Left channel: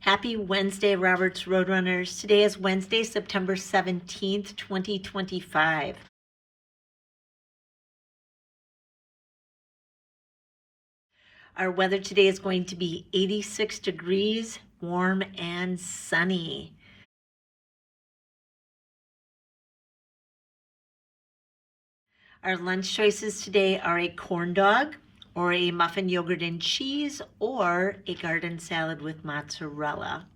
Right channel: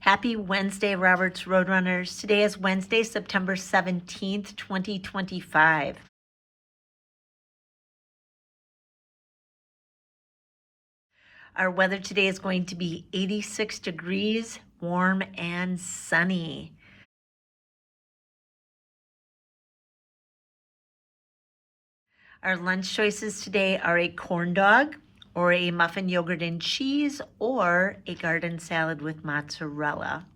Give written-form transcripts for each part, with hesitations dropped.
Happy Wednesday, Roberts Roadrunners. Today is Wednesday, September 17th, 2025. Our weather today is going to be 86 degrees, warm and sunny. Our lunch choices today are a corn dog, or a muffin yogurt and cheese, or a garden salad with mozzarella.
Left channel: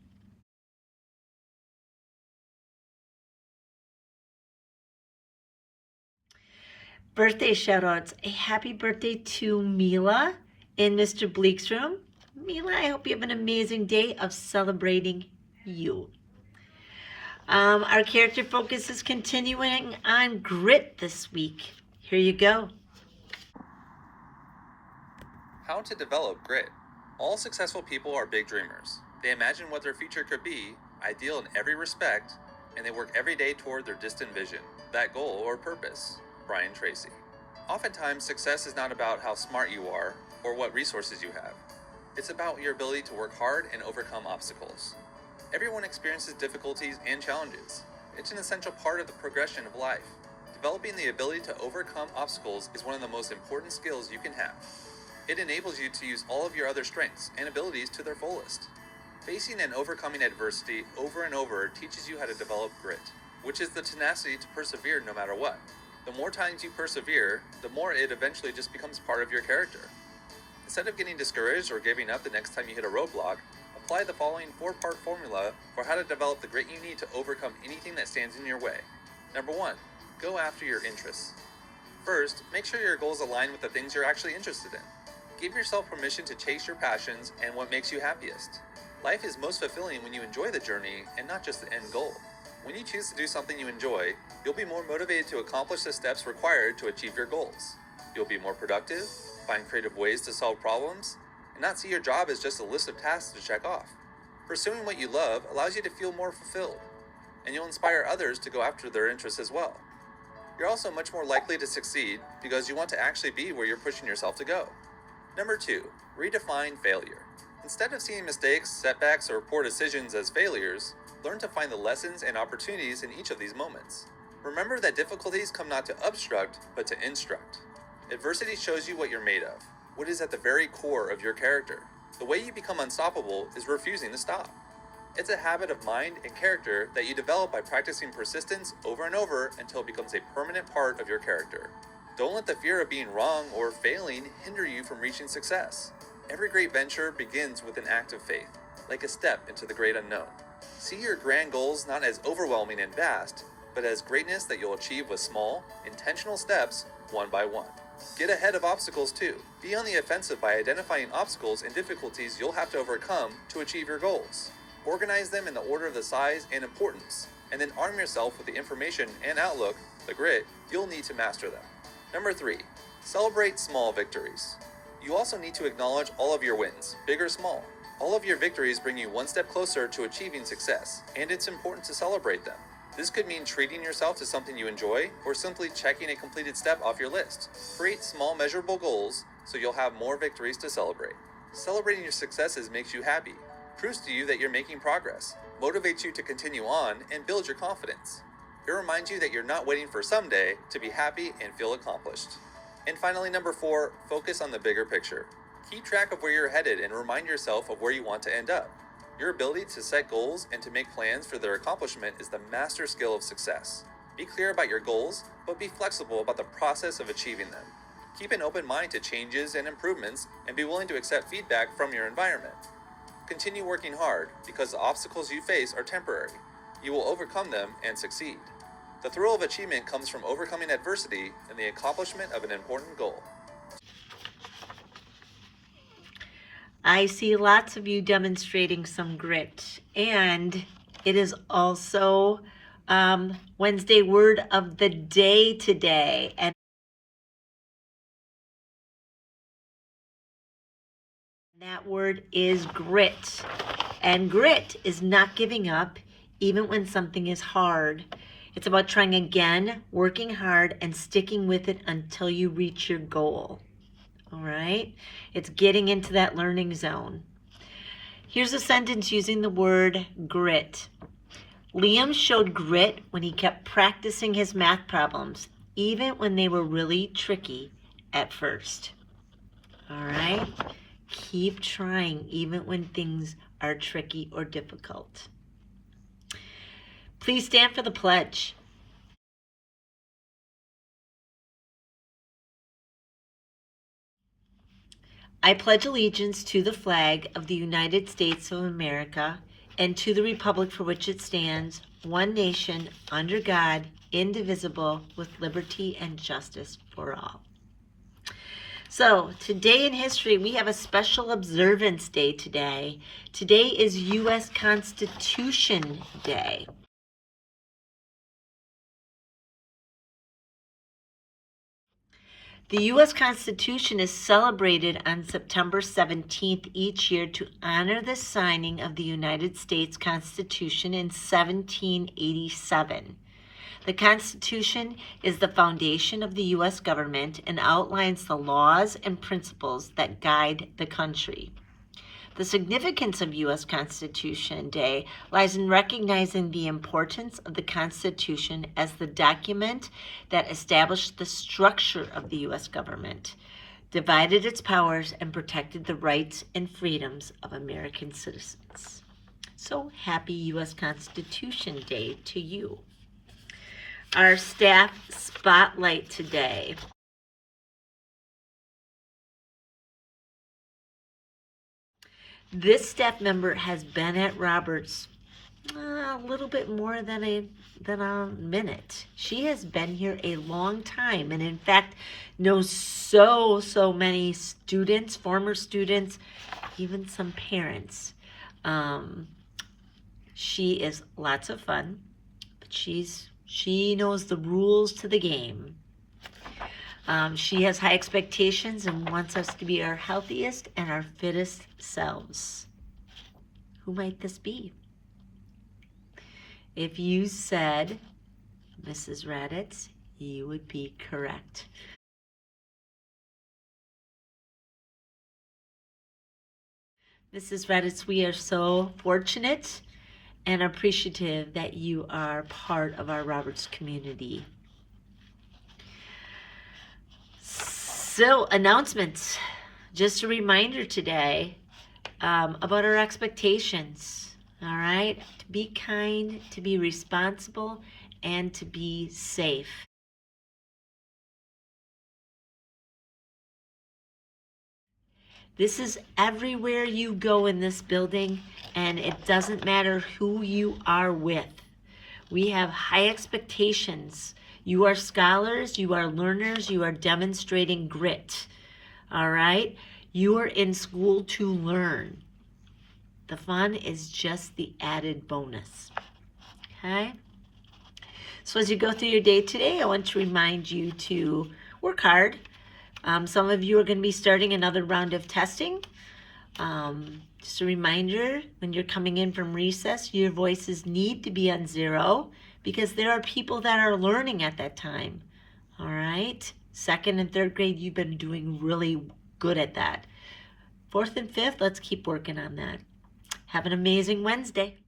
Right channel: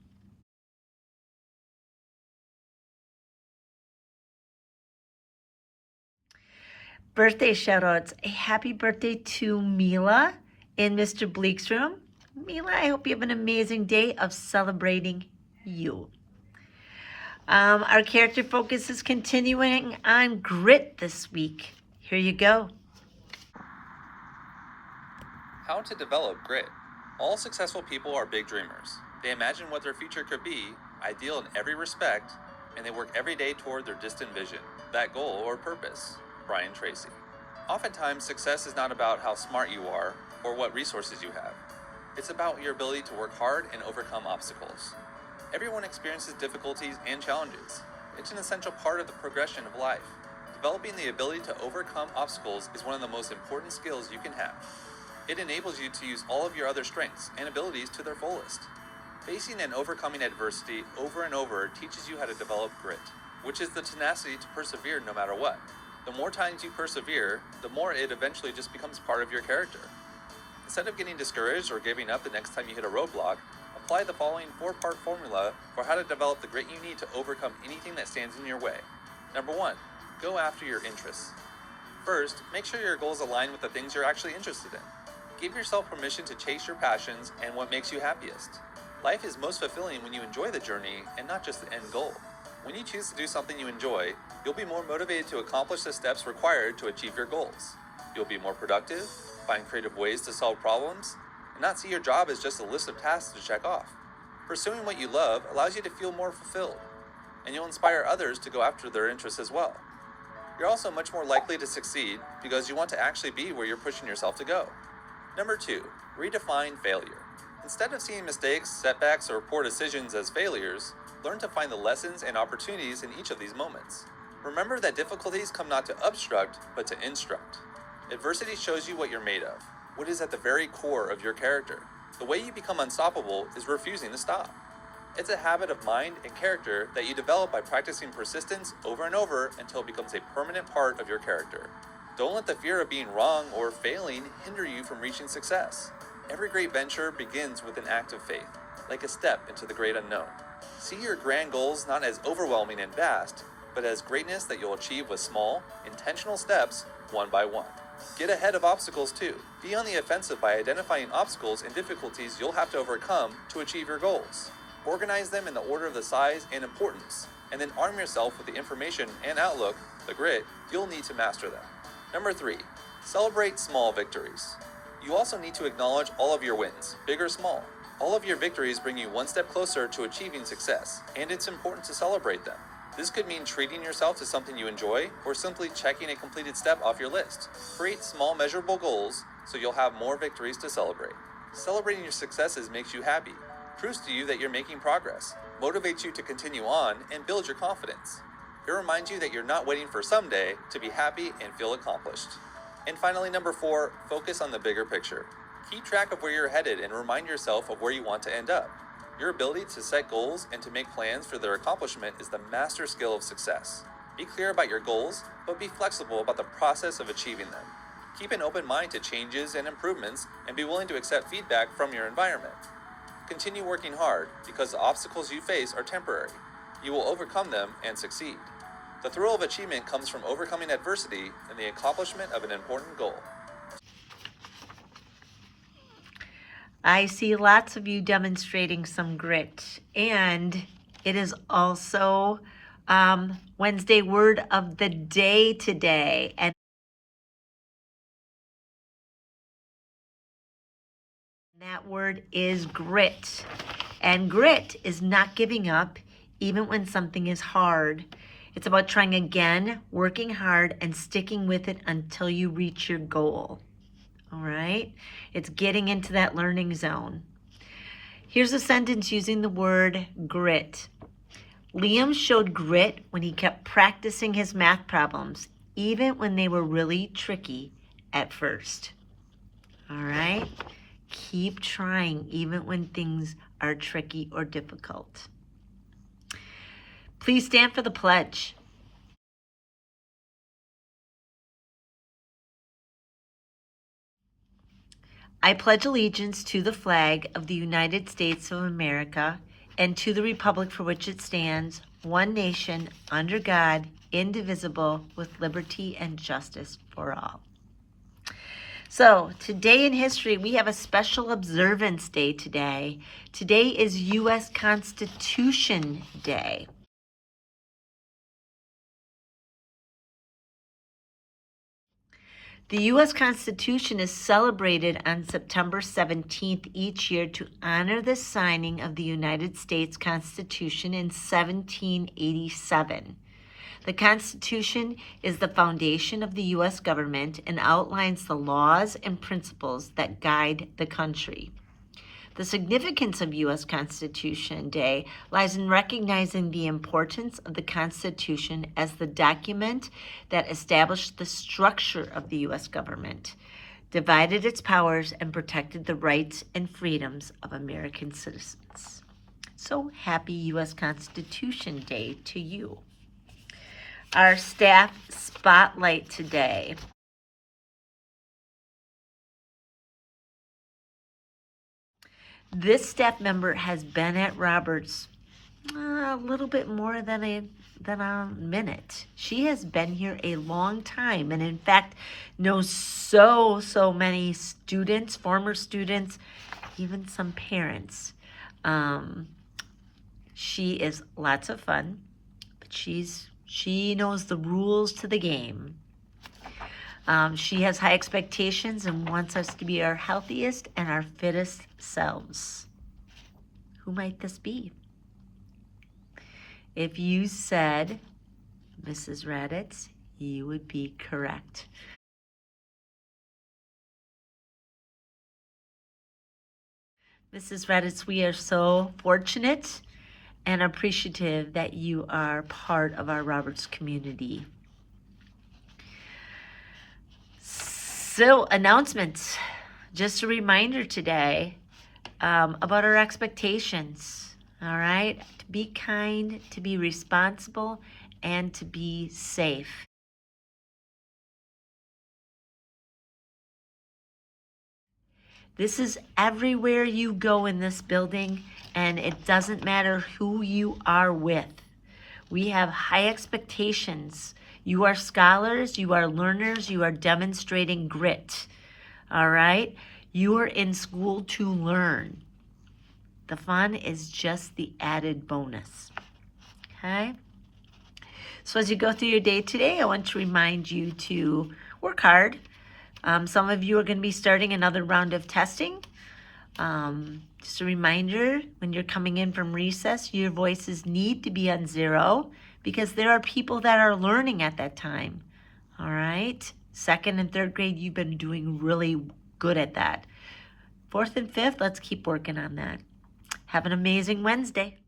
Birthday shout-outs. A happy birthday to Mila in Mr. Bleak's room. Mila, I hope you have an amazing day of celebrating you. Our character focus is continuing on grit this week. Here you go. How to develop grit. All successful people are big dreamers. They imagine what their future could be, ideal in every respect, and they work every day toward their distant vision, that goal or purpose. Brian Tracy. Oftentimes, success is not about how smart you are or what resources you have. It's about your ability to work hard and overcome obstacles. Everyone experiences difficulties and challenges. It's an essential part of the progression of life. Developing the ability to overcome obstacles is one of the most important skills you can have. It enables you to use all of your other strengths and abilities to their fullest. Facing and overcoming adversity over and over teaches you how to develop grit, which is the tenacity to persevere no matter what. The more times you persevere, the more it eventually just becomes part of your character. Instead of getting discouraged or giving up the next time you hit a roadblock, apply the following 4-part formula for how to develop the grit you need to overcome anything that stands in your way. Number 1, go after your interests. First, make sure your goals align with the things you're actually interested in. Give yourself permission to chase your passions and what makes you happiest. Life is most fulfilling when you enjoy the journey and not just the end goal. When you choose to do something you enjoy, you'll be more motivated to accomplish the steps required to achieve your goals. You'll be more productive, find creative ways to solve problems, and not see your job as just a list of tasks to check off. Pursuing what you love allows you to feel more fulfilled, and you'll inspire others to go after their interests as well. You're also much more likely to succeed because you want to actually be where you're pushing yourself to go. Number 2, redefine failure. Instead of seeing mistakes, setbacks, or poor decisions as failures, learn to find the lessons and opportunities in each of these moments. Remember that difficulties come not to obstruct, but to instruct. Adversity shows you what you're made of, what is at the very core of your character. The way you become unstoppable is refusing to stop. It's a habit of mind and character that you develop by practicing persistence over and over until it becomes a permanent part of your character. Don't let the fear of being wrong or failing hinder you from reaching success. Every great venture begins with an act of faith, like a step into the great unknown. See your grand goals not as overwhelming and vast, but as greatness that you'll achieve with small, intentional steps, one by one. Get ahead of obstacles too. Be on the offensive by identifying obstacles and difficulties you'll have to overcome to achieve your goals. Organize them in the order of the size and importance, and then arm yourself with the information and outlook, the grit, you'll need to master them. Number 3, celebrate small victories. You also need to acknowledge all of your wins, big or small. All of your victories bring you one step closer to achieving success, and it's important to celebrate them. This could mean treating yourself to something you enjoy, or simply checking a completed step off your list. Create small measurable goals so you'll have more victories to celebrate. Celebrating your successes makes you happy, proves to you that you're making progress, motivates you to continue on, and builds your confidence. It reminds you that you're not waiting for someday to be happy and feel accomplished. And finally, number 4, focus on the bigger picture. Keep track of where you're headed and remind yourself of where you want to end up. Your ability to set goals and to make plans for their accomplishment is the master skill of success. Be clear about your goals, but be flexible about the process of achieving them. Keep an open mind to changes and improvements, and be willing to accept feedback from your environment. Continue working hard, because the obstacles you face are temporary. You will overcome them and succeed. The thrill of achievement comes from overcoming adversity and the accomplishment of an important goal. I see lots of you demonstrating some grit, and it is also Wednesday word of the day today, and that word is grit. And grit is not giving up even when something is hard. It's about trying again, working hard, and sticking with it until you reach your goal. All right? It's getting into that learning zone. Here's a sentence using the word grit. Liam showed grit when he kept practicing his math problems, even when they were really tricky at first. All right? Keep trying even when things are tricky or difficult. Please stand for the pledge. I pledge allegiance to the flag of the United States of America and to the republic for which it stands, one nation, under God, indivisible, with liberty and justice for all. So today in history, we have a special observance day today. Today is U.S. Constitution Day. The U.S. Constitution is celebrated on September 17th each year to honor the signing of the United States Constitution in 1787. The Constitution is the foundation of the U.S. government and outlines the laws and principles that guide the country. The significance of U.S. Constitution Day lies in recognizing the importance of the Constitution as the document that established the structure of the U.S. government, divided its powers, and protected the rights and freedoms of American citizens. So happy U.S. Constitution Day to you. Our staff spotlight today. This staff member has been at Roberts a little bit more than a minute. She has been here a long time, and in fact knows so many students, former students, even some parents. She is lots of fun, but she knows the rules to the game. She has high expectations and wants us to be our healthiest and our fittest selves. Who might this be? If you said Mrs. Raditz, you would be correct. Mrs. Raditz, we are so fortunate and appreciative that you are part of our Roberts community. So, announcements. Just a reminder today about our expectations, all right? To be kind, to be responsible, and to be safe. This is everywhere you go in this building, and it doesn't matter who you are with. We have high expectations. You are scholars, you are learners, you are demonstrating grit, all right? You are in school to learn. The fun is just the added bonus, okay? So as you go through your day today, I want to remind you to work hard. Some of you are going to be starting another round of testing. Just a reminder, when you're coming in from recess, your voices need to be on 0 because there are people that are learning at that time. All right? 2nd and 3rd grade, you've been doing really good at that. 4th and 5th, let's keep working on that. Have an amazing Wednesday.